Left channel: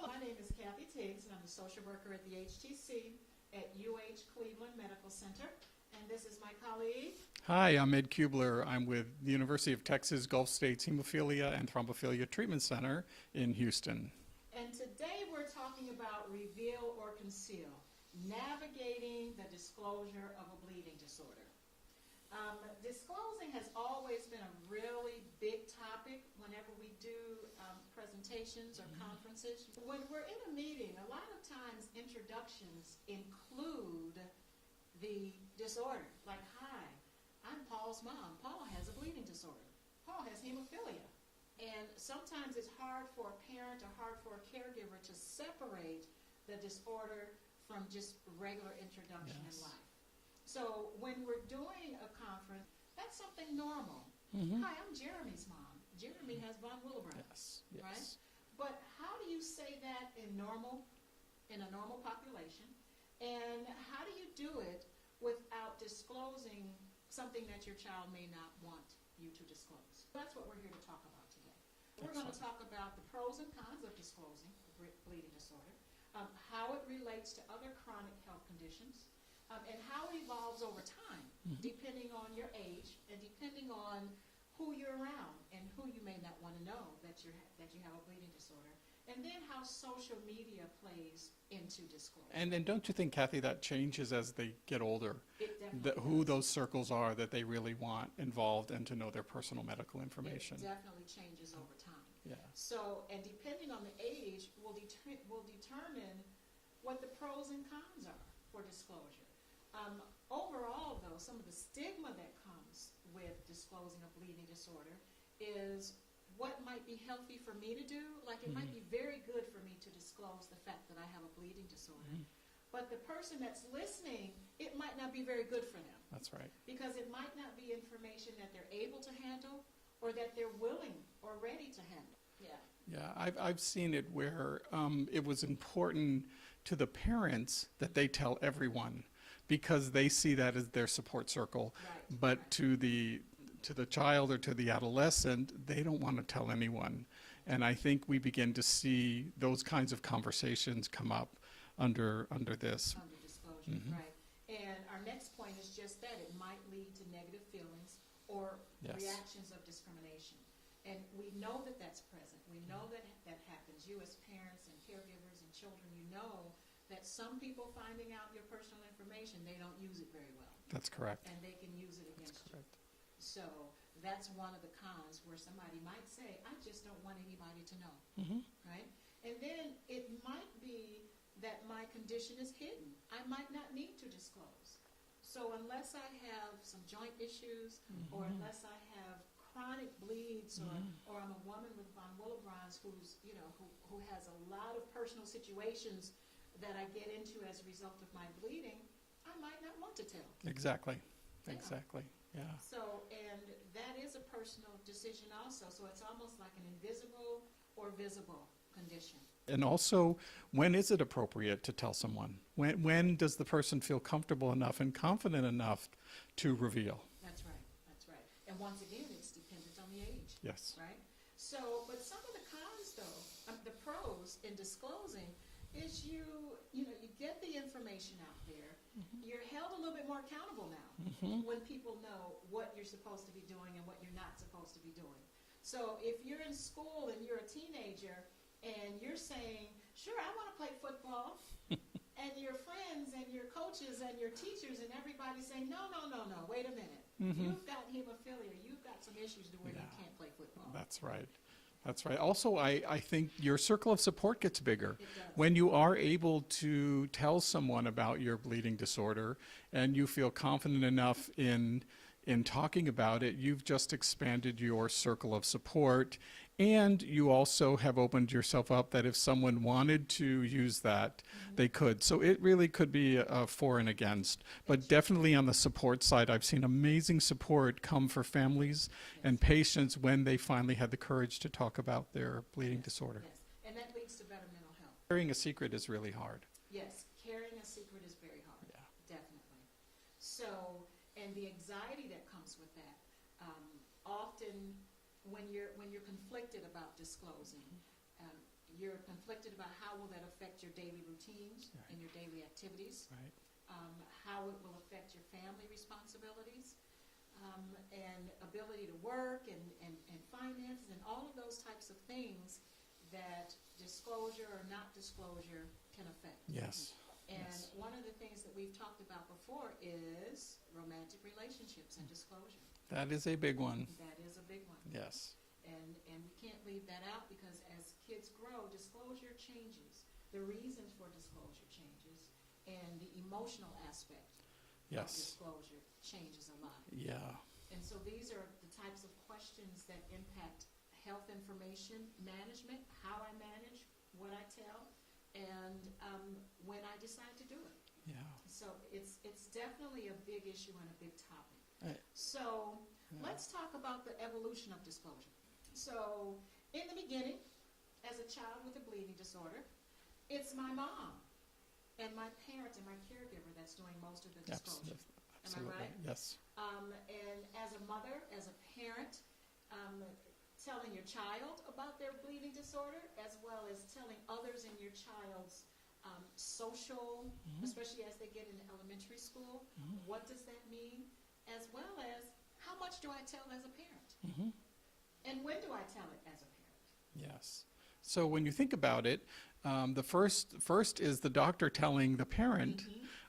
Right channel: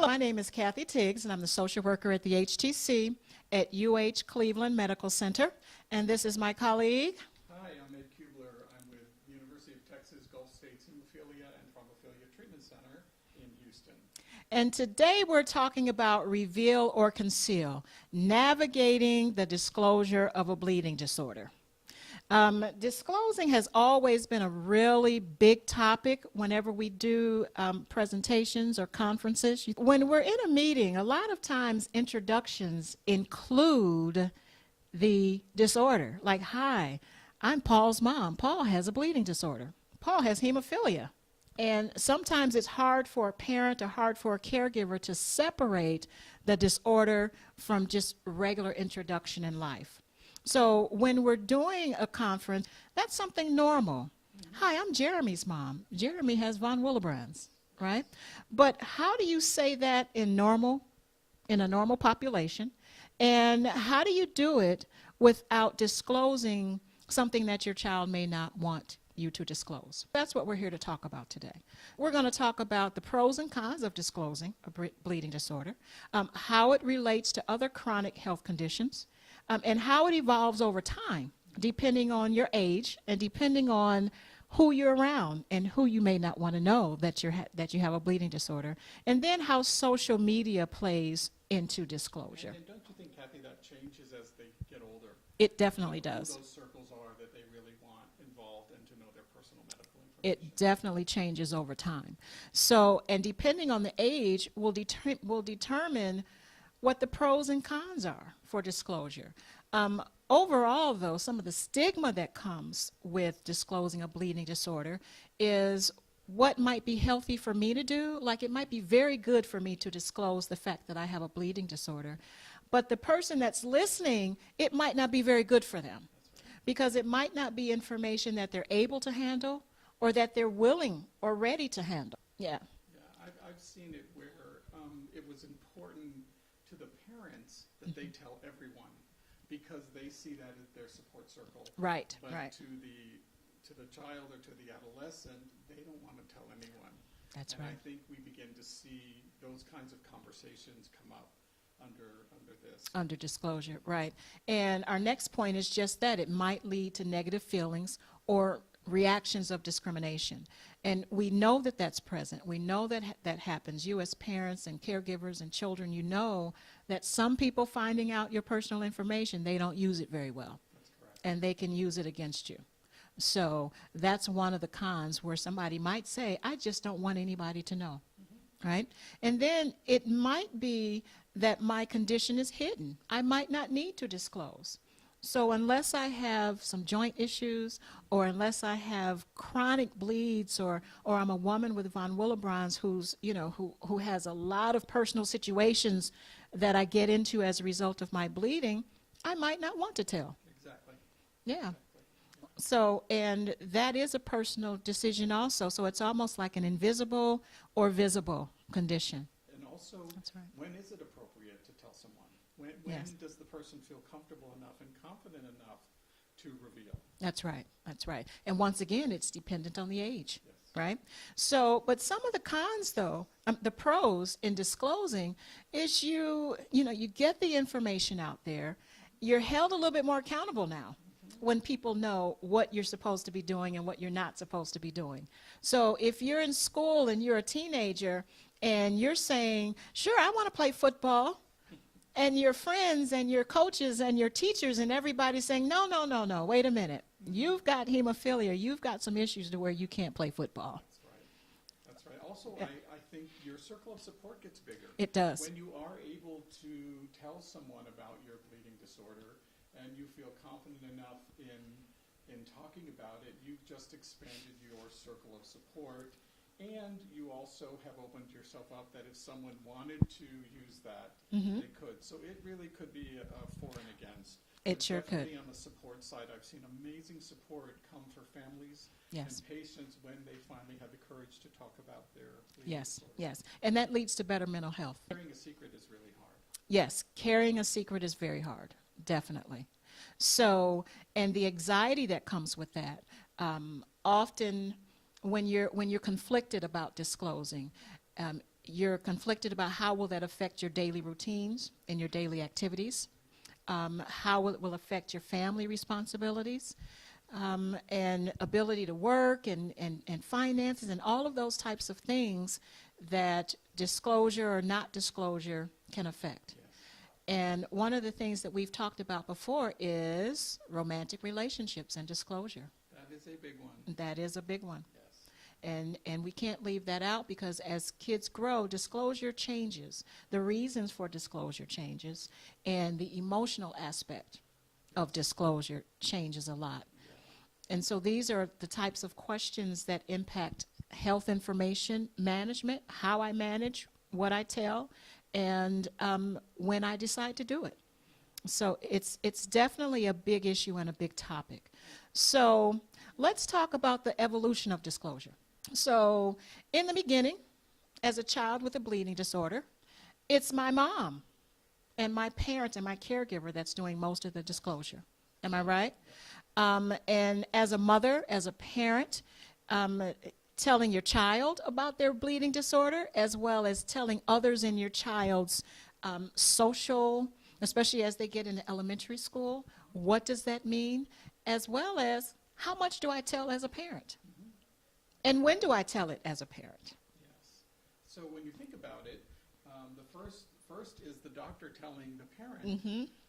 Hello, my name is Kathy Tiggs, and I'm the social worker at the HTC at UH Cleveland Medical Center. And this is my colleague. Hi, I'm Ed Kubler. I'm with the University of Texas Gulf States Hemophilia and Thrombophilia Treatment Center in Houston. And today we're talking about reveal or conceal, navigating the disclosure of a bleeding disorder. Disclosing has always been a really big topic whenever we do presentations or conferences. When we're in a meeting, a lot of times introductions include the disorder. Like, hi, I'm Paul's mom. Paul has a bleeding disorder. Paul has hemophilia. And sometimes it's hard for a parent or hard for a caregiver to separate the disorder from just regular introduction in life. So when we're doing a conference, that's something normal. Hi, I'm Jeremy's mom. Jeremy has von Willebrand's, right? But how do you say that in a normal population? And how do you do it without disclosing something that your child may not want you to disclose? That's what we're here to talk about today. We're going to talk about the pros and cons of disclosing a bleeding disorder, how it relates to other chronic health conditions, and how it evolves over time, depending on your age and depending on who you're around and who you may not want to know that you have a bleeding disorder, and then how social media plays into disclosure. And then don't you think, Kathy, that changes as they get older? It definitely does. Who those circles are that they really want involved and to know their personal medical information. It definitely changes over time. Yeah. So, and depending on the age, will determine what the pros and cons are for disclosure. Overall, though, some of the stigma that comes with disclosing a bleeding disorder is what might be healthy for me to do. Like, it might be very good for me to disclose the fact that I have a bleeding disorder. But the person that's listening, it might not be very good for them. That's right. Because it might not be information that they're able to handle or that they're willing or ready to handle. Yeah. Yeah, I've seen it where it was important to the parents that they tell everyone, because they see that as their support circle. Right. But right. to the child or to the adolescent, they don't want to tell anyone. That's and right. I think we begin to see those kinds of conversations come up under this. Under disclosure, right. And our next point is just that. It might lead to negative feelings or reactions of discrimination. And we know that that's present. We know that that happens. You as parents and caregivers and children, you know that some people finding out your personal information, they don't use it very well. That's correct. And they can use it against you. So that's one of the cons, where somebody might say, I just don't want anybody to know, right? And then it might be that my condition is hidden. I might not need to disclose. So unless I have some joint issues, or unless I have chronic bleeds, or I'm a woman with von Willebrand's who's, who has a lot of personal situations that I get into as a result of my bleeding, I might not want to tell. Exactly. Yeah. Exactly. Yeah. So, and that is a personal decision also. So it's almost like an invisible or visible condition. And also, when is it appropriate to tell someone? When does the person feel comfortable enough and confident enough to reveal? That's right. That's right. And once again, it's dependent on the age. Yes. Right? So, but some of the cons, though, the pros in disclosing is you get the information out there. You're held a little bit more accountable now when people know what you're supposed to be doing and what you're not supposed to be doing. So if you're in school and you're a teenager and you're saying, sure, I want to play football, and your friends and your coaches and your teachers and everybody's saying, no, wait a minute. You've got hemophilia. You've got some issues to where you can't play football. That's right. That's right. Also, I think your circle of support gets bigger. It does. When you are able to tell someone about your bleeding disorder and you feel confident enough in talking about it, you've just expanded your circle of support. And you also have opened yourself up that if someone wanted to use that, they could. So it really could be a for and against. But sure definitely could. on the support side, I've seen amazing support come for families and patients when they finally had the courage to talk about their bleeding disorder. Yes, and that leads to better mental health. Carrying a secret is really hard. Yes, carrying a secret is very hard, definitely. So, and the anxiety that comes with that, often when you're conflicted about disclosing, you're conflicted about how will that affect your daily routines and your daily activities, how it will affect your family responsibilities, and ability to work and finances and all of those types of things that disclosure or not disclosure can affect. Yes. And one of the things that we've talked about before is romantic relationships and disclosure. That is a big one. That is a big one. Yes. And we can't leave that out, because as kids grow, disclosure changes. The reasons for disclosure changes, and the emotional aspect of Yes. disclosure changes a lot. Yeah. And so these are the types of questions that impact health information management, how I manage what I tell, and when I decide to do it. Yeah. So it's definitely a big issue and a big topic. So let's talk about the evolution of disclosure. So in the beginning, as a child with a bleeding disorder, it's my mom and my parents and my caregiver that's doing most of the disclosure. Am I right? Yes. And as a mother, as a parent, telling your child about their bleeding disorder, as well as telling others in your child's social, especially as they get into elementary school, what does that mean? As well as, how much do I tell as a parent? And when do I tell it as a parent? Yes. So when you think about it, the first is the doctor telling the parent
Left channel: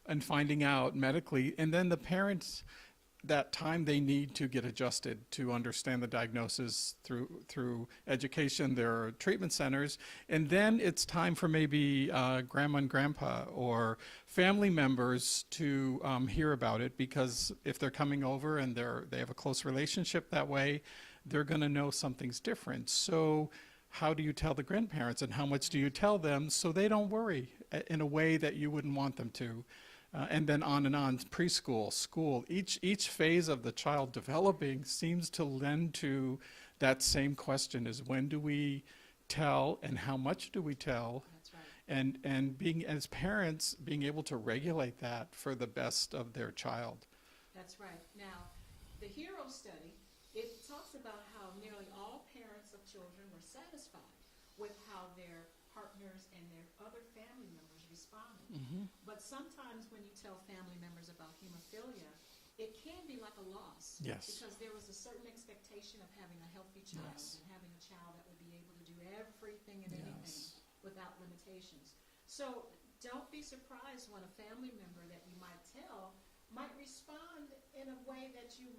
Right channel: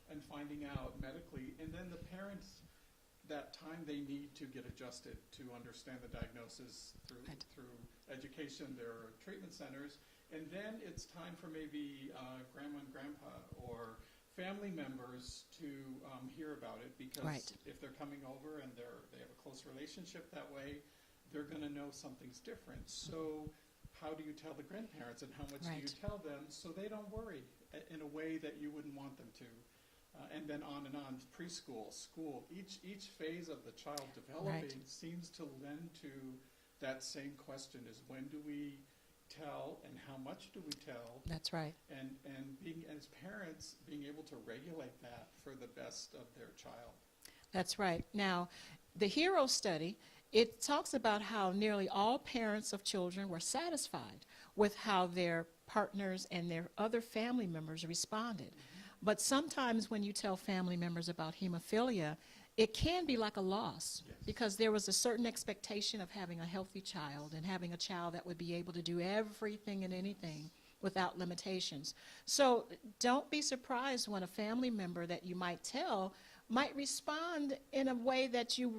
and finding out medically, and then the parents, that time they need to get adjusted to understand the diagnosis through education. There are treatment centers, and then it's time for maybe grandma and grandpa or family members to hear about it, because if they're coming over and they have a close relationship that way, they're going to know something's different. So how do you tell the grandparents, and how much do you tell them so they don't worry in a way that you wouldn't want them to? And then on, preschool, school, each phase of the child developing seems to lend to that same question, is when do we tell and how much do we tell? That's right. And being, as parents, being able to regulate that for the best of their child. That's right. Now, the HERO study, it talks about how nearly all parents of children were satisfied with how their partners and their other family members responded. But sometimes when you tell family members about hemophilia, it can be like a loss. Yes. Because there was a certain expectation of having a healthy child and having a child that would be able to do everything and anything without limitations. So don't be surprised when a family member that you might tell might respond in a way that you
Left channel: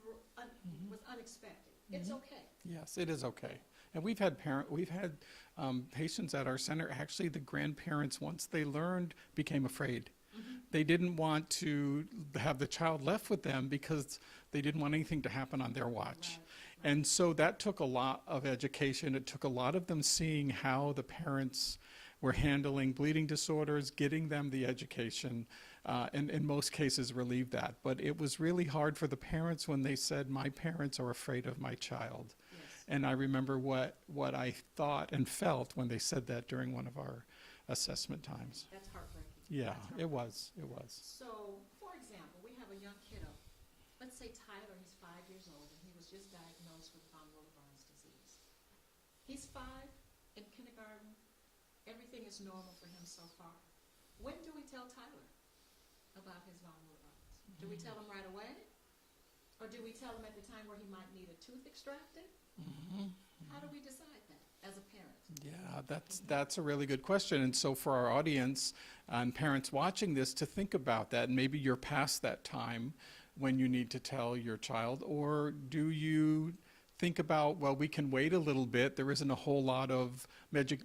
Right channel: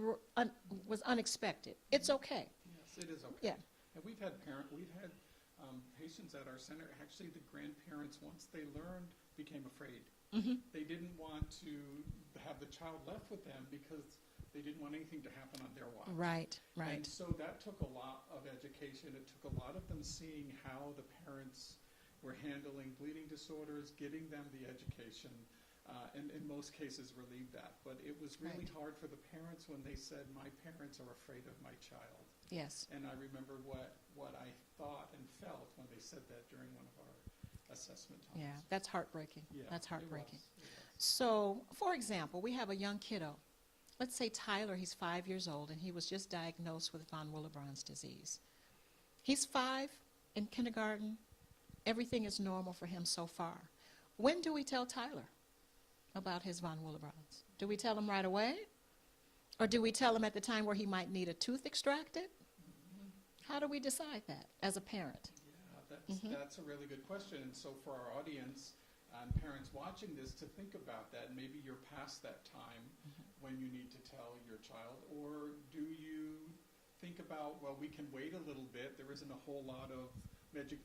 was unexpected. It's okay. Yes, it is okay. Yeah. And we've had patients at our center, actually the grandparents, once they learned, became afraid. They didn't want to have the child left with them because they didn't want anything to happen on their watch. Right. And so that took a lot of education. It took a lot of them seeing how the parents were handling bleeding disorders, getting them the education, and in most cases relieve that. But it was really hard for the parents when they said, my parents are afraid of my child. Yes. And I remember what I thought and felt when they said that during one of our assessment Yeah, times. that's heartbreaking. Yeah, That's it heartbreaking. was. So, for example, we have a young kiddo. Let's say Tyler, he's 5 years old, and he was just diagnosed with von Willebrand's disease. He's 5 in kindergarten. Everything is normal for him so far. When do we tell Tyler about his von Willebrand's? Do we tell him right away? Or do we tell him at the time where he might need a tooth extracted? How do we decide that as a parent? Yeah, that's a really good question. And so for our audience and parents watching this, to think about that, maybe you're past that time when you need to tell your child, or do you think about, well, we can wait a little bit, there isn't a whole lot of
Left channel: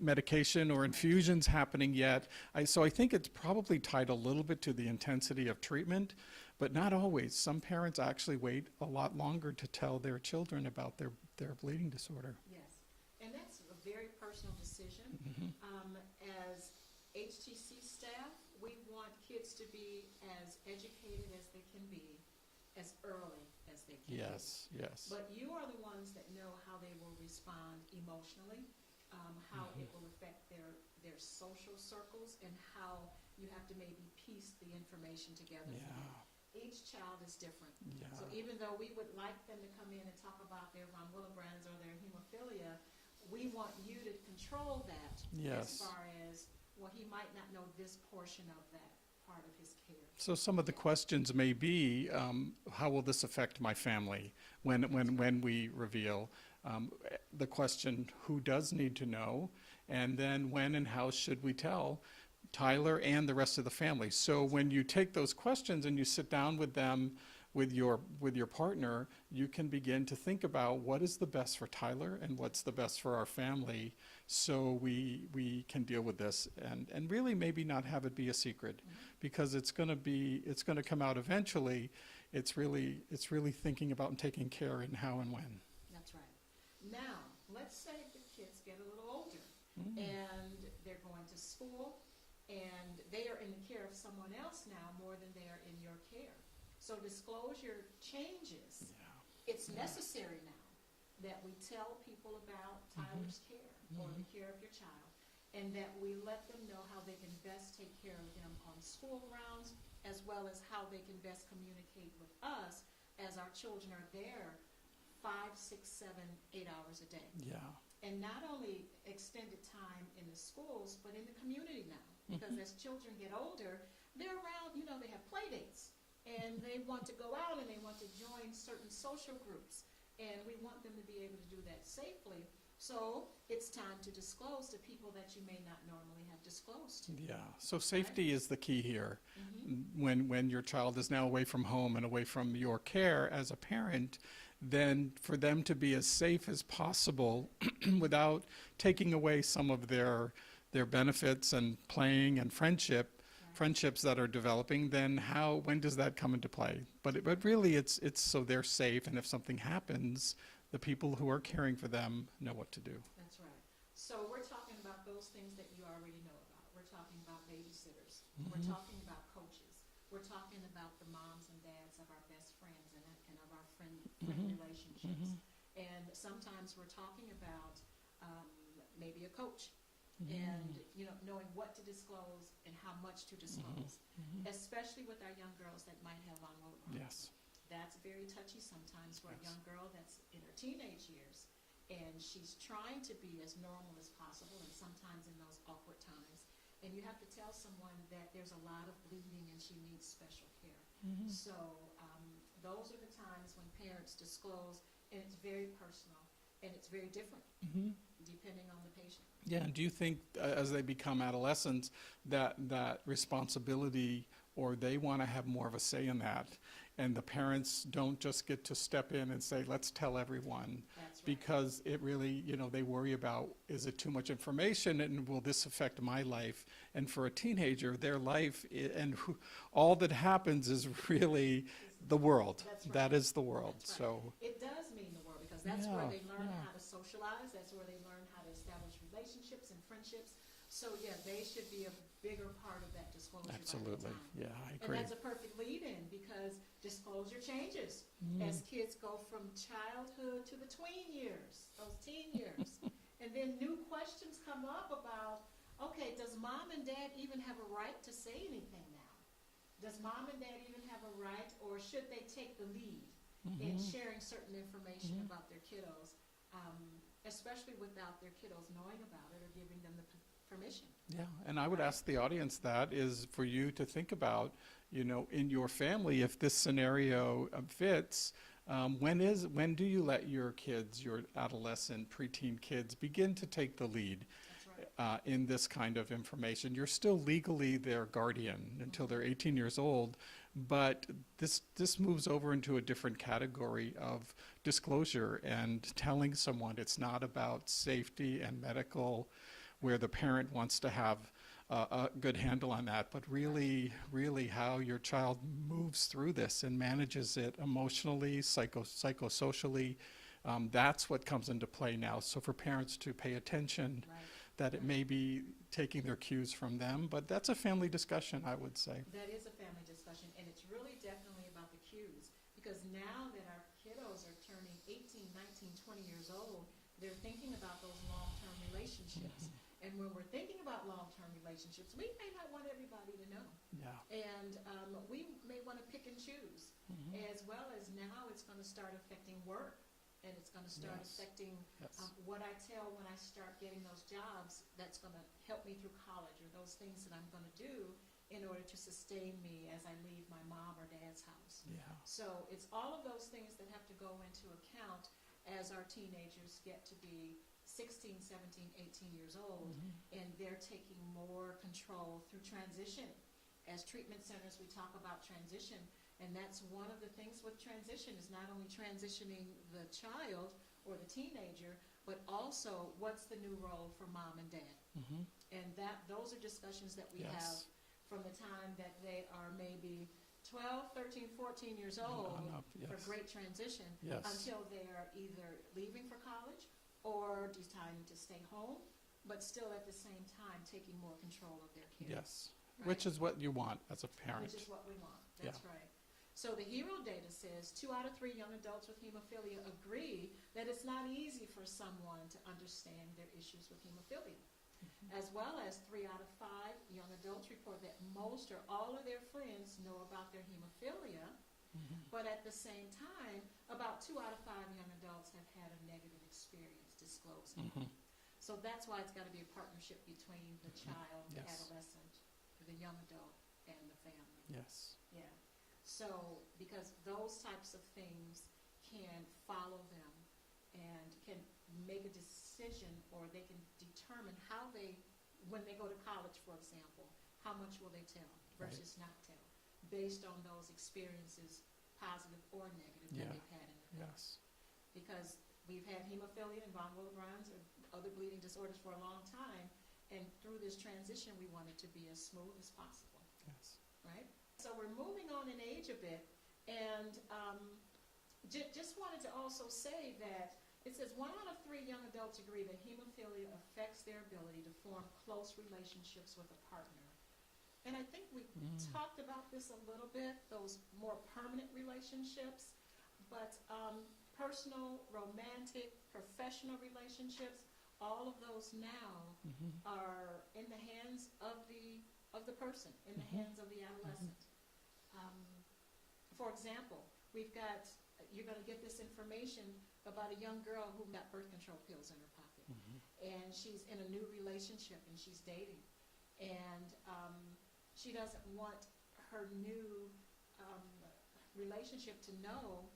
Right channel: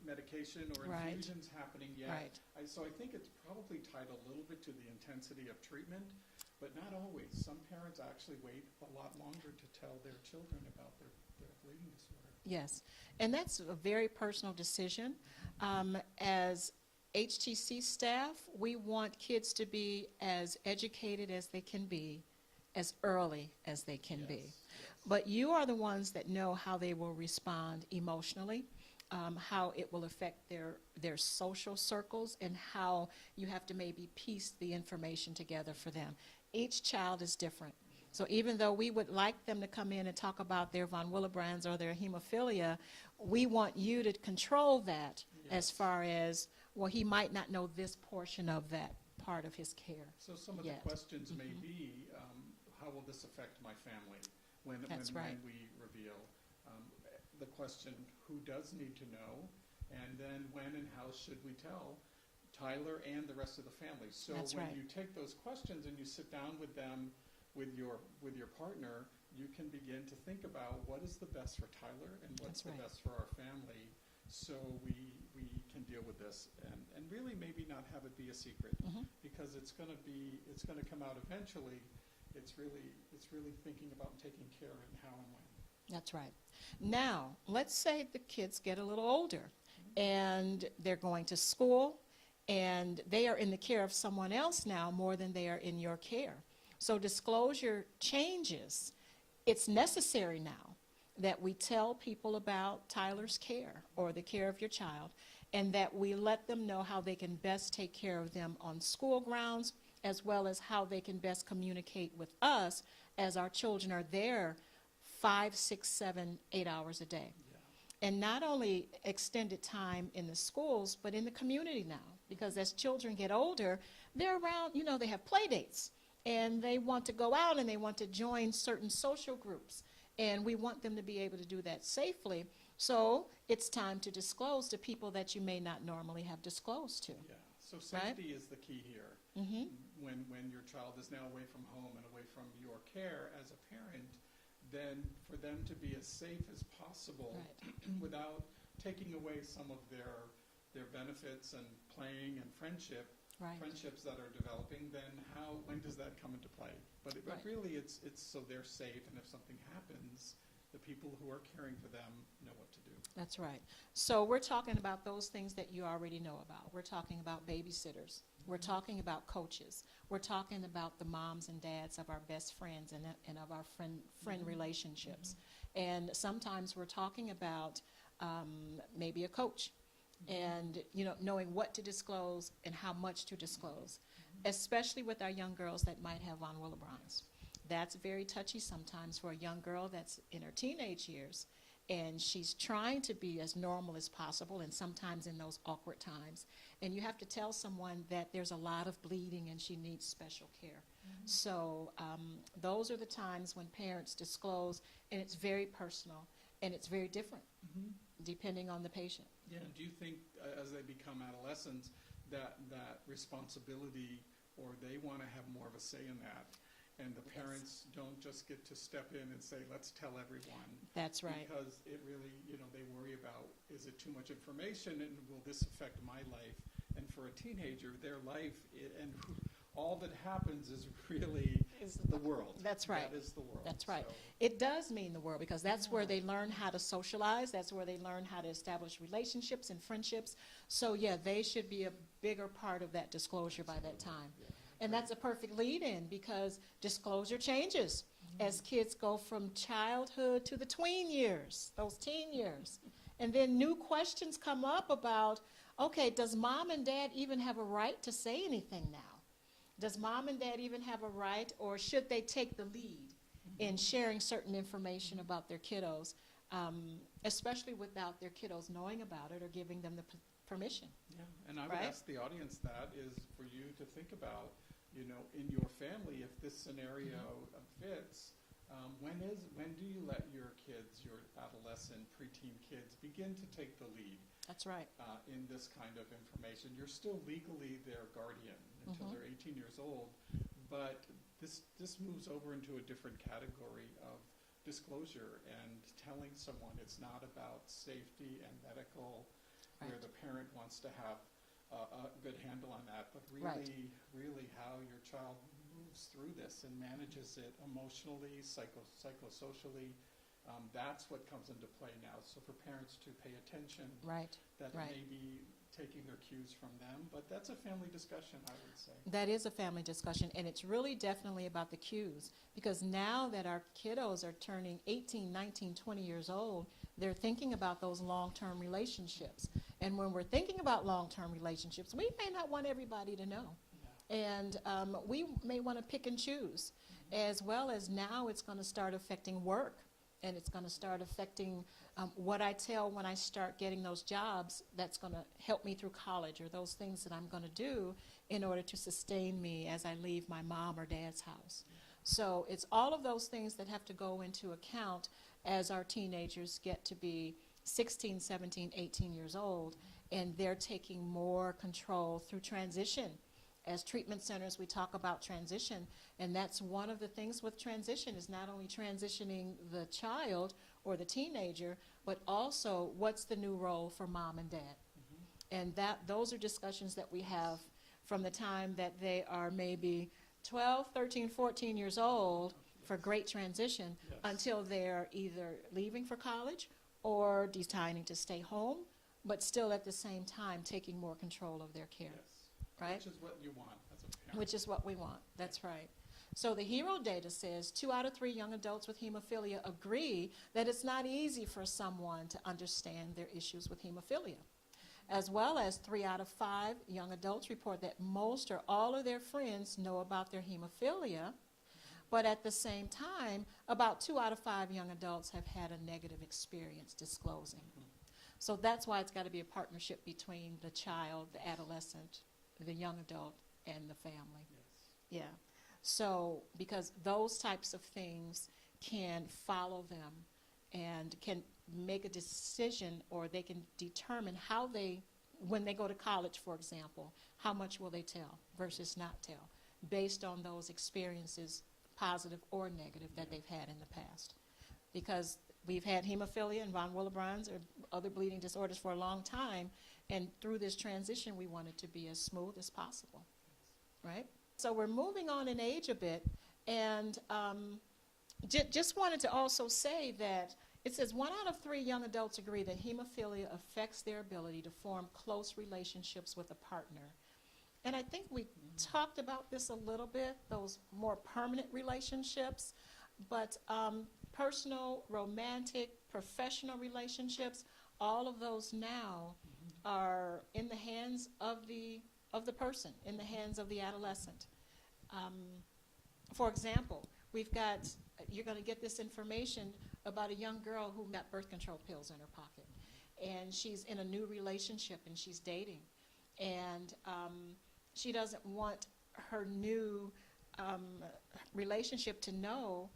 medication or infusions happening yet. So I think it's probably tied a little bit to the intensity of treatment, but not always. Some parents actually wait a lot longer to tell their children about their bleeding disorder. Yes, and that's a very personal decision. As HTC staff, we want kids to be as educated as they can be, as early as they can be. Yes. But you are the ones that know how they will respond emotionally, how it will affect their social circles, and how you have to maybe piece the information together for them. Each child is different. So even though we would like them to come in and talk about their von Willebrand's or their hemophilia, we want you to control that as Yes. far as, well, he might not know this portion of that part of his care. So some of the yet. questions may be, how will this affect my family when That's right. when we reveal? The question, who does need to know? And then when and how should we tell Tyler and the rest of the family? So That's when right. you take those questions and you sit down with them, with your partner, you can begin to think about what is the best for Tyler and what's That's the right. best for our family, so we can deal with this and really maybe not have it be a secret, because it's going to come out eventually. It's really thinking about and taking care and how and when. That's right. Now, let's say the kids get a little older and they're going to school and they are in the care of someone else now more than they are in your care. So disclosure changes. It's necessary now that we tell people about Tyler's care or the care of your child, and that we let them know how they can best take care of them on school grounds, as well as how they can best communicate with us as our children are there 5, 6, 7, 8 hours a day. Yeah. And not only extended time in the schools, but in the community now. Because as children get older, they're around, they have play dates. And they want to go out and they want to join certain social groups. And we want them to be able to do that safely. So it's time to disclose to people that you may not normally have disclosed to. Yeah, so safety is the key here. When your child is now away from home and away from your care as a parent, then for them to be as safe as possible without taking away some of their benefits and playing and friendships that are developing, then when does that come into play? But really it's so they're safe, and if something happens, the people who are caring for them know what to do. That's right. So we're talking about those things that you already know about. We're talking about babysitters. We're talking about coaches. We're talking about the moms and dads of our best friends and of our friend relationships. And sometimes we're talking about maybe a coach. And knowing what to disclose and how much to disclose, especially with our young girls that might have von Willebrand's. Yes. That's very touchy sometimes for a young girl that's in her teenage years, and she's trying to be as normal as possible, and sometimes in those awkward times. And you have to tell someone that there's a lot of bleeding and she needs special care. So those are the times when parents disclose, and it's very personal and it's very different depending on the patient. Yeah, and do you think as they become adolescents that responsibility, or they want to have more of a say in that, and the parents don't just get to step in and say, let's tell everyone? That's right. Because it really, they worry about, is it too much information, and will this affect my life? And for a teenager, their life, all that happens is really the world. That's right. That is the world. That's right. So, It does mean the world, because that's where Yeah, they learn how to socialize. That's where they learn how to establish relationships and friendships. So yeah, they should be a bigger part of that disclosure by that absolutely. time. Yeah, I agree. And that's a perfect lead-in, because disclosure changes as kids go from childhood to the tween years, those teen years. And then new questions come up about, okay, does mom and dad even have a right to say anything now? Does mom and dad even have a right, or should they take the lead in sharing certain information about their kiddos, especially without their kiddos knowing about it or giving them the permission? Yeah, and I would Right? ask the audience that is for you to think about, in your family, if this scenario fits, when do you let your kids, your adolescent, preteen kids, begin to take the lead That's right. in this kind of information? You're still legally their guardian until they're 18 years old, but this moves over into a different category of disclosure and telling someone it's not about safety and medical, where the parent wants to have a good handle on that, but really how your child moves through this and manages it emotionally, psychosocially. That's what comes into play now. So for parents to pay attention, Right. that it Right. may be taking their cues from them, but that's a family discussion, I would say. That is a family discussion, and it's really definitely about the cues, because now that our kiddos are turning 18, 19, 20 years old, they're thinking about those long-term relationships. And when we're thinking about long-term relationships, we may not want everybody to know. Yeah. And we may want to pick and choose, as well as now it's going to start affecting work and it's going to start Yes. affecting Yes. what I tell when I start getting those jobs that's going to help me through college, or those things that I'm going to do in order to sustain me as I leave my mom or dad's house. Yeah. So it's all of those things that have to go into account as our teenagers get to be 16, 17, 18 years old, and they're taking more control through transition. As treatment centers, we talk about transition, and that's one of the things with transition, is not only transitioning the child or the teenager, but also what's the new role for mom and dad. And those are discussions that we Yes. have from the time that they are maybe 12, 13, 14 years old for Yes. great transition, Yes. until they're either leaving for college or deciding to stay home, but still at the same time taking more control of their care. Yes. Right? Which is what you want as a parent. Which is what we want. That's right. So the HERO data says 2 out of 3 young adults with hemophilia agree that it's not easy for someone to understand their issues with hemophilia. As well as 3 out of 5 young adults report that most or all of their friends know about their hemophilia, but at the same time, about 2 out of 5 young adults have had a negative experience disclosing. So that's why it's got to be a partnership between the child, the Yes. adolescent, the young adult, and the family. Yes. Yeah. So, because those types of things can follow them and can make a decision, or they can determine how they, when they go to college, for example, how much will they tell versus not tell, based on those experiences, positive or negative, that Yeah. they've had in the past. Because we've had hemophilia and von Willebrand's or other bleeding disorders for a long time, and through this transition, we want it to be as smooth as possible. Yes. Right? So we're moving on in age a bit, and just wanted to also say that it says 1 out of 3 young adults agree that hemophilia affects their ability to form close relationships with a partner. And I think we talked about this a little bit, those more permanent relationships, but personal, romantic, professional relationships, all of those now are in the hands of the person, in the hands of the adolescent. For example, you're going to get this information about a young girl who got birth control pills in her pocket, and she's in a new relationship, and she's dating, and she doesn't want her new relationship to know,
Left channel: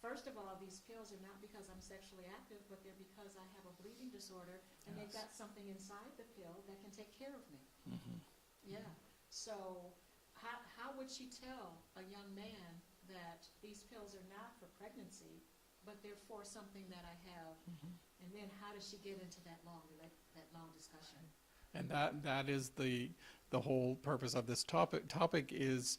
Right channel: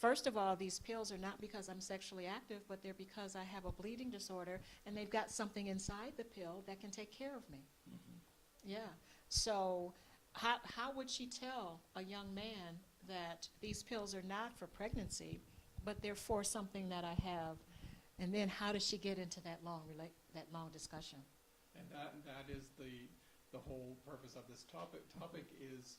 first of all, these pills are not because I'm sexually active, but they're because I have a bleeding disorder, and they've got something inside the pill that can take care of me. Yeah. So how would she tell a young man that these pills are not for pregnancy, but they're for something that I have? And then how does she get into that long discussion? And that is the whole purpose of this topic is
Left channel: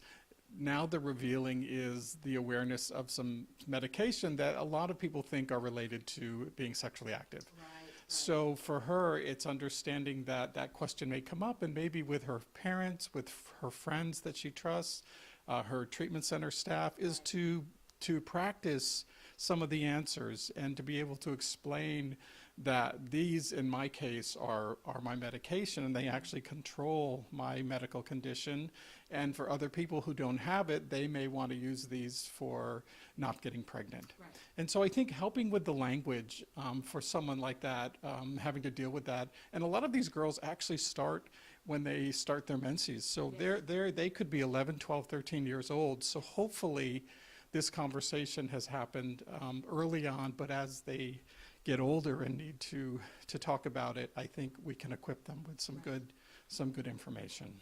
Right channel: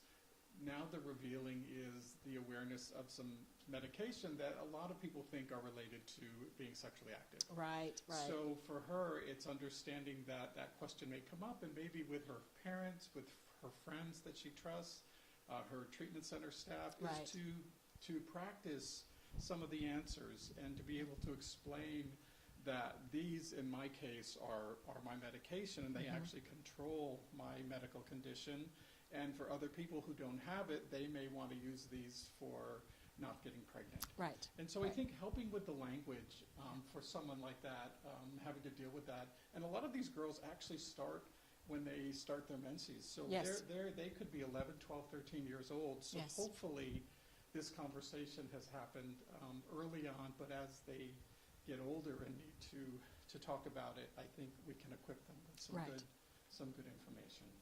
now the revealing is the awareness of some medication that a lot of people think are related to being sexually active. Right. So for her, it's understanding that that question may come up, and maybe with her parents, with her friends that she trusts, her treatment center staff, is Right. to practice some of the answers and to be able to explain that these, in my case, are my medication, and they actually control my medical condition. And for other people who don't have it, they may want to use these for not getting pregnant. Right. And so I think helping with the language for someone like that, having to deal with that, and a lot of these girls actually start when they start their menses. So Yes. they could be 11, 12, 13 years old. So Yes. hopefully this conversation has happened early on, but as they get older and need to talk about it, I think we can equip them with some Right. good information.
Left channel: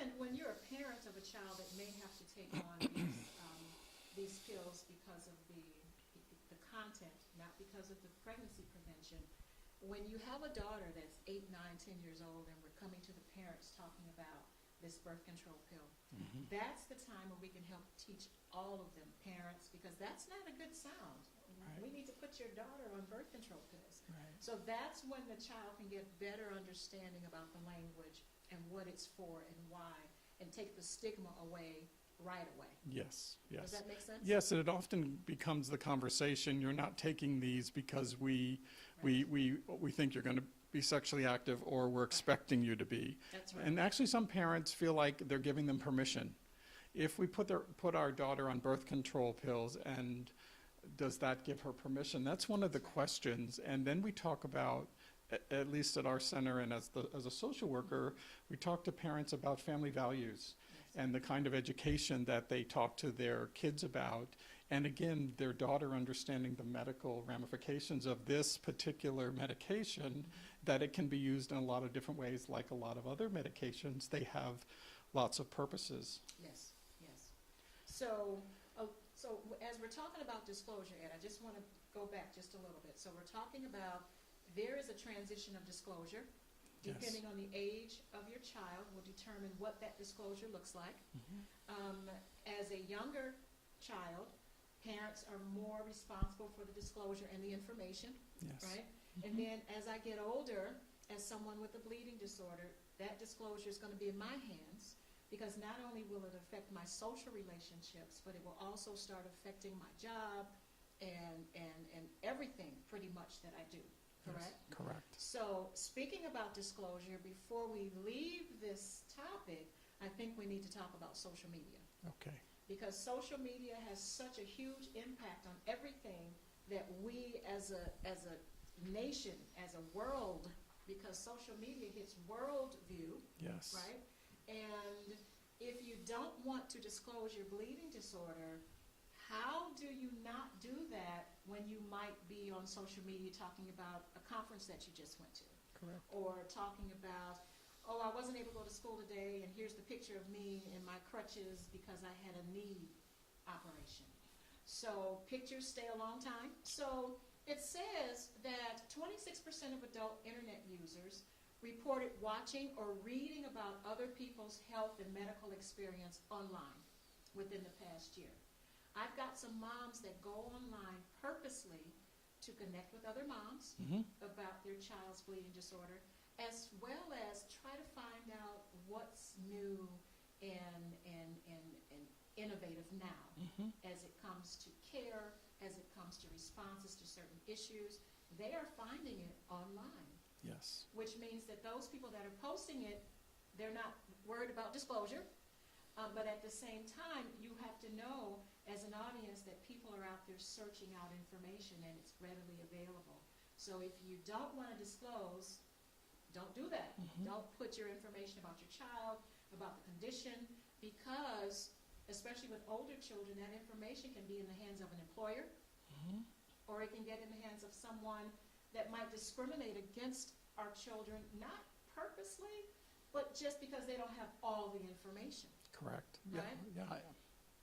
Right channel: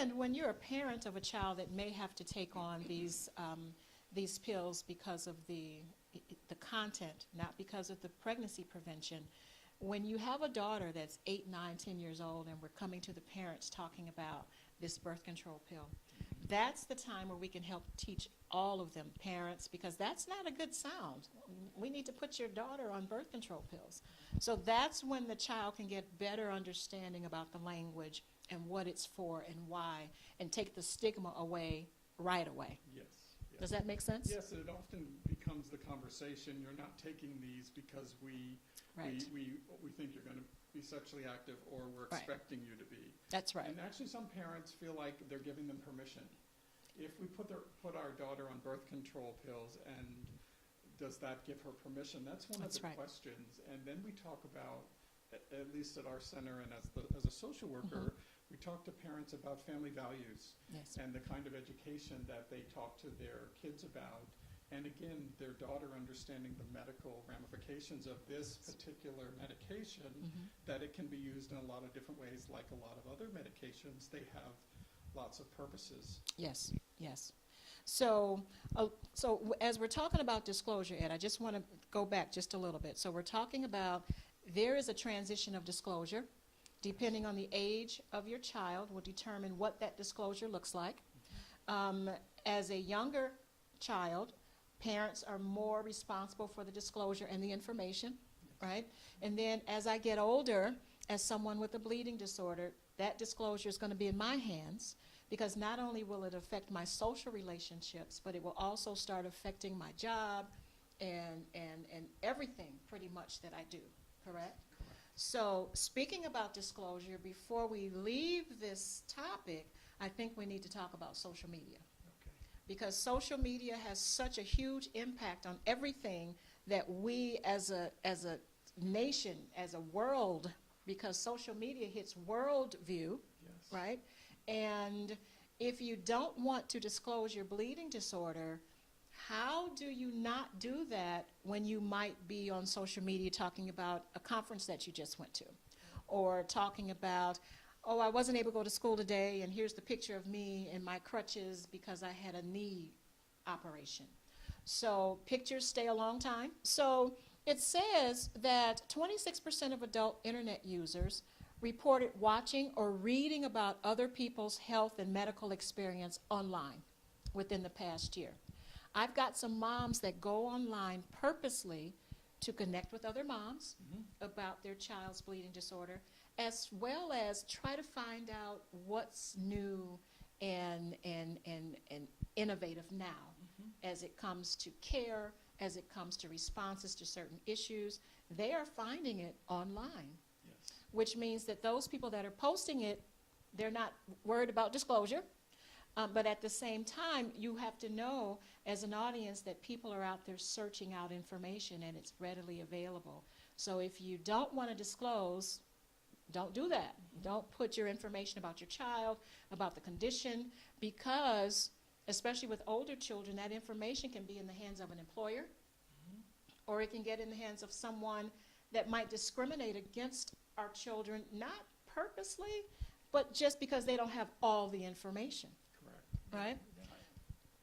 And when you're a parent of a child that may have to take on these pills because of the content, not because of the pregnancy prevention, when you have a daughter that's 8, 9, 10 years old, and we're coming to the parents talking about this birth control pill, that's the time where we can help teach all of them, parents, because that's not a good sound. We need to put your daughter on birth control pills. So that's when the child can get better understanding about the language and what it's for and why, and take the stigma away right away. Yes. Does that make sense? Yes, and it often becomes the conversation. You're not taking these because we think you're going to be sexually active, or we're expecting you to be. That's right. And actually, some parents feel like they're giving them permission. If we put our daughter on birth control pills and does that give her permission? That's one of the That's right. questions. And then we talk about, at least at our center and as a social worker, we talk to parents about family values Yes. and the kind of education that they talk to their kids about. And again, their daughter understanding the medical ramifications of this particular medication, that it can be used in a lot of different ways, like a lot of other medications. They have lots of purposes. Yes, yes. So, as we're talking about disclosure, Ed, I just want to go back just a little bit. So we're talking about there is a transition of disclosure. Depending on the age of your child will determine what that disclosure looks like. As a younger child, parents are more responsible for the disclosure and the information, Yes. right? And then as I get older, as someone with a bleeding disorder, that disclosure is going to be in my hands, because not only will it affect my social relationships, but it will also start affecting my job and everything pretty much that I do, correct? Yes, correct. So speaking about disclosure, before we leave this topic, I think we need to talk about social media. Okay. Because social media has such a huge impact on everything that we as a nation, as a world, because social media hits world view, Yes. right? And if you don't want to disclose your bleeding disorder, how do you not do that when you might be on social media talking about a conference that you just went to? Correct. Or talking about, oh, I wasn't able to go to school today, and here's the picture of me and my crutches because I had a knee operation. So pictures stay a long time. So it says that 26% of adult internet users reported watching or reading about other people's health and medical experience online within the past year. I've got some moms that go online purposely to connect with other moms about their child's bleeding disorder, as well as try to find out what's new and innovative now as it comes to care, as it comes to responses to certain issues. They are finding it online, Yes. which means that those people that are posting it, they're not worried about disclosure. But at the same time, you have to know as an audience that people are out there searching out information and it's readily available. So if you don't want to disclose, don't do that. Don't put your information about your child, about the condition, because especially with older children, that information can be in the hands of an employer, or it can get in the hands of someone that might discriminate against our children, not purposely, but just because they don't have all the information. Correct. Right? Yeah.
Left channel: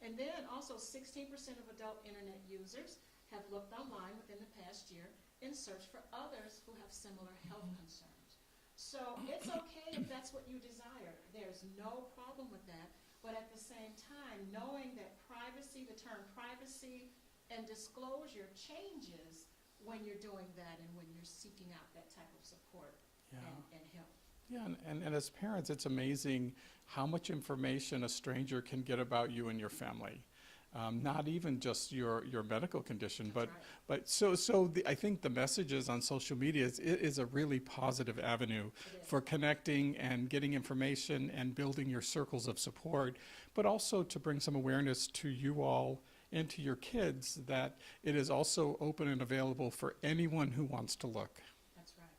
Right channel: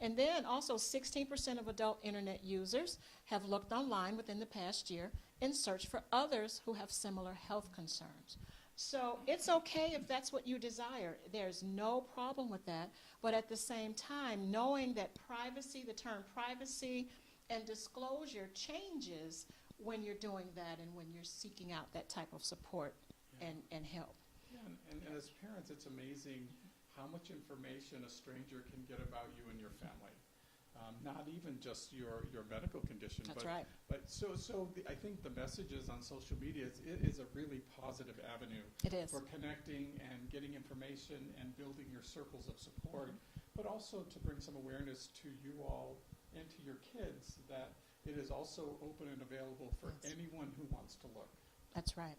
And then also 16% of adult internet users have looked online within the past year and searched for others who have similar health concerns. So it's okay if that's what you desire. There's no problem with that. But at the same time, knowing that privacy, the term privacy and disclosure changes when you're doing that and when you're seeking out that type of support Yeah. and help. Yeah, and as parents, it's amazing how much information a stranger can get about you and your family. Not even just your medical condition, That's but right. but I think the messages on social media is a really positive avenue It is. for connecting and getting information and building your circles of support, but also to bring some awareness to you all and to your kids that it is also open and available for anyone who wants to look. That's right.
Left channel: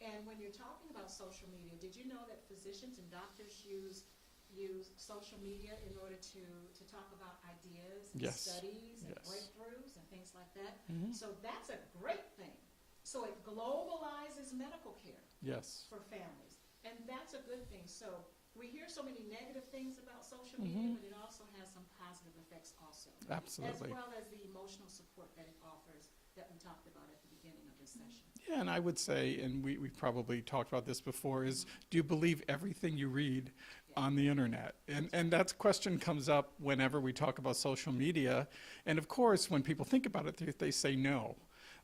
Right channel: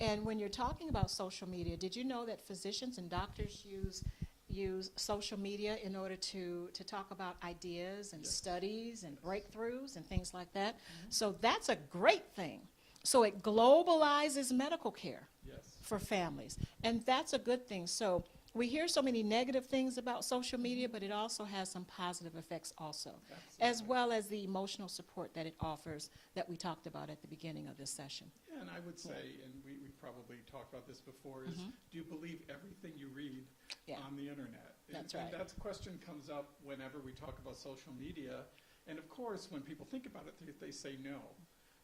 And when you're talking about social media, did you know that physicians and doctors use social media in order to talk about ideas and Yes. studies and Yes. breakthroughs and things like that? So that's a great thing. So it globalizes medical care Yes. for families, and that's a good thing. So we hear so many negative things about social media, but it also has some positive effects also, Absolutely. as well as the emotional support that it offers that we talked about at the beginning of this session. Yeah, and I would say, and we probably talked about this before, is do you believe everything you read Yeah. on the internet? And That's and that question comes up whenever we talk about social media. And of course, when people think about it, they say no.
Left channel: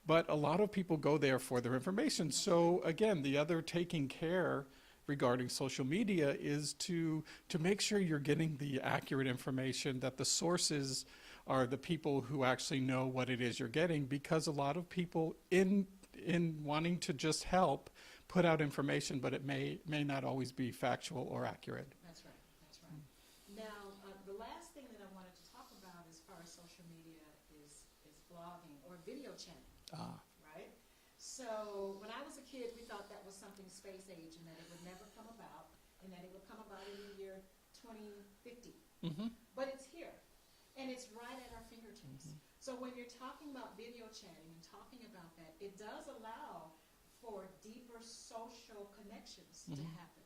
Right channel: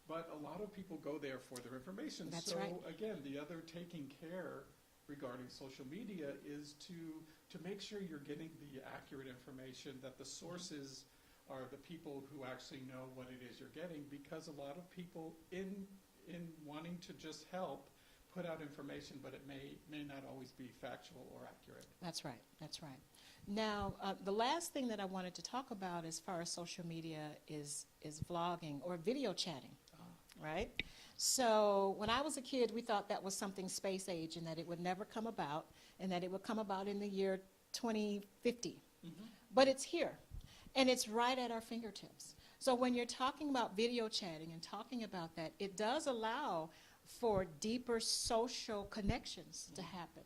But a lot of people go there for their information. That's So again, the other taking care regarding social media is to make sure you're getting the accurate information, that the sources are the people who actually know what it is you're getting, because a lot of people in wanting to just help put out information, but it may not always be factual or accurate. That's right. That's right. Now, the last thing that I wanted to talk about as far as social media is vlogging or video chatting, right? So when I was a kid, we thought that was something space age and that it would never come about and that it would come about in the year 2050. Mm-hmm. But it's here, and it's right at our fingertips. So when you're talking about video chatting and talking about that, it does allow for deeper social connections to happen.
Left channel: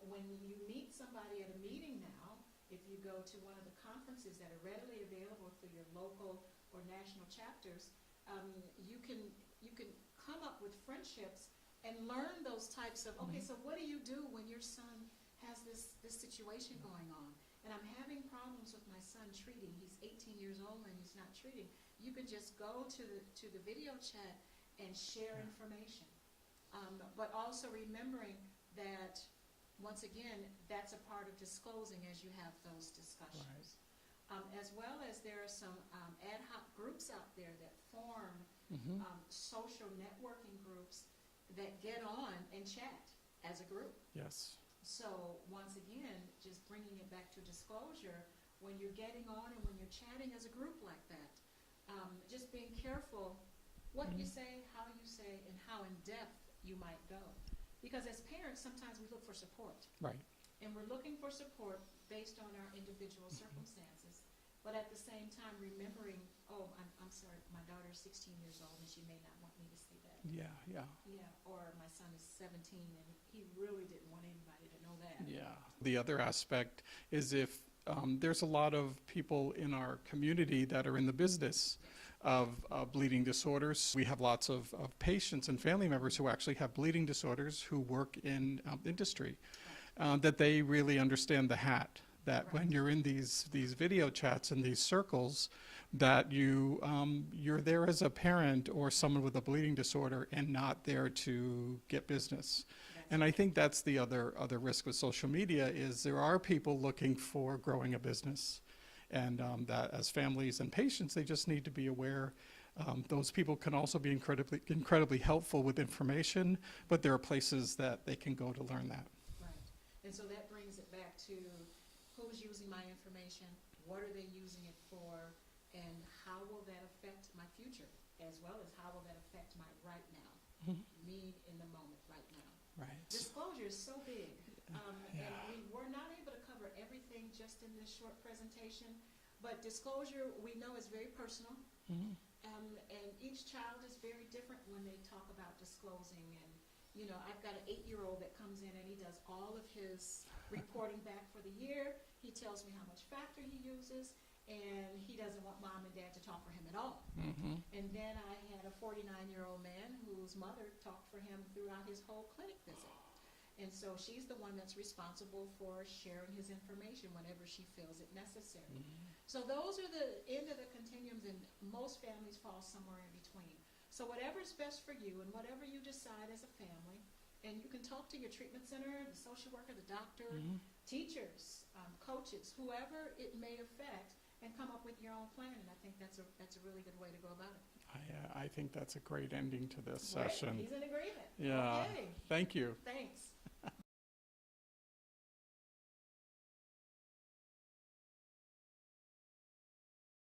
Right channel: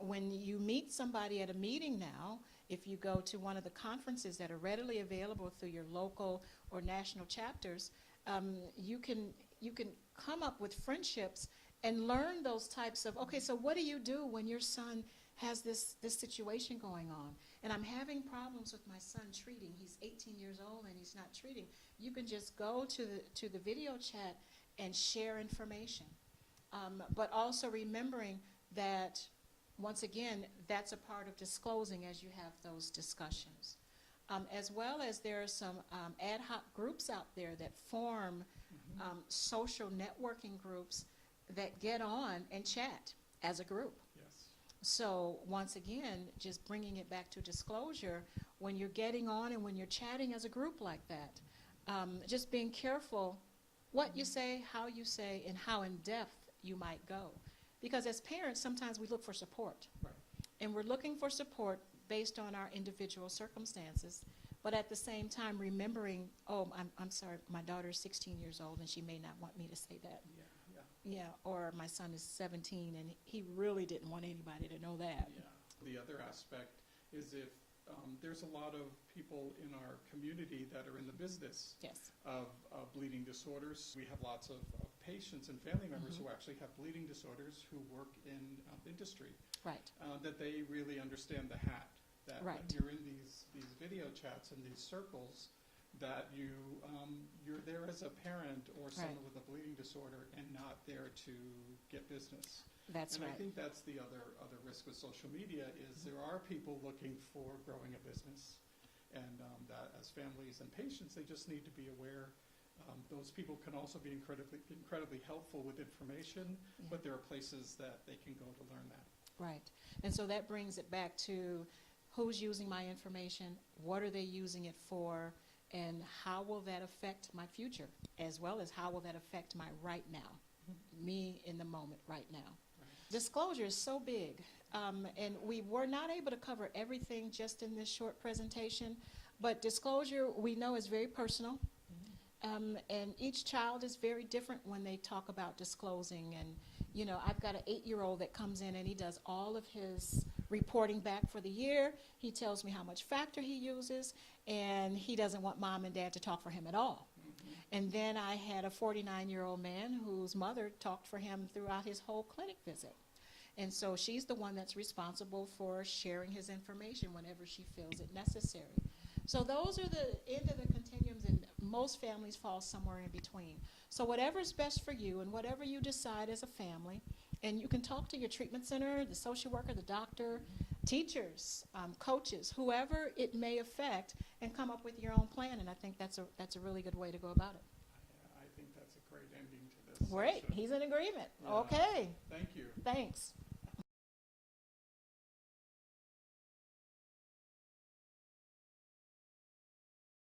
When you meet somebody at a meeting now, if you go to one of the conferences that are readily available through your local or national chapters, you can come up with friendships and learn those types of, okay, so what do you do when your son has this situation going on? And I'm having problems with my son treating. He's 18 years old and he's not treating. You can just go to the video chat and share information. But also remembering that, once again, that's a part of disclosing as you have those discussions. As well as there are some ad hoc groups out there that form social networking groups that get on and chat as a group. Yes. So once again, just bringing it back to disclosure, when you're getting on and when you're chatting as a group like that, just being careful what you say, and how in depth you might go. Because as parents, sometimes we look for support. Right. And we're looking for support based on our individual circumstances, but at the same time remembering, oh, I'm sorry, my daughter is 16 years old and she may not want me to say that. Yeah, yeah. Yeah, or my son is 17 and he really didn't want anybody to know that. Yeah. The other aspect is if there's a lot of people in our community that are in the business Yes. of bleeding disorders. We have lots of patients and family members who actually have bleeding disorders who work in industry, Right. that they really understand the hat, that when Right. you're in these video chats and these circles, that you're there as a parent or someone with a bleeding disorder and not there to get business. That's And I right. think that's the other risk with social media is there are people looking for growing a business. And that as families and patients, they just need to be aware. Those people can also be incredibly helpful with information, but there are places that they can go to learn that. Right. And so that brings it back to who's using my information, what are they using it for, and how will that affect my future, as well as how will that affect my right now, me in the moment right now. Right. Disclosure is so big, and we were not able to cover everything just in this short presentation, but disclosure we know is very personal, and each child is very different when they talk about disclosing. And you know, I've got an 8-year-old that comes in and he does all of his reporting back for the year. He tells me how much factor he uses, and he doesn't want mom and dad to talk for him at all. And then I had a 49-year-old man whose mother talked for him throughout his whole clinic visit. And so she's the one that's responsible for sharing his information whenever she feels it necessary. So those are the end of the continuums, and most families fall somewhere in between. So whatever's best for you and whatever you decide as a family, and you can talk to your treatment center, the social worker, the doctor, teachers, coaches, whoever it may affect, and come up with your own plan. And I think that's a really good way to go about it. I think that's a great ending to this Great. session. He's in agreement. Yeah. Okay. Thank you. Thanks.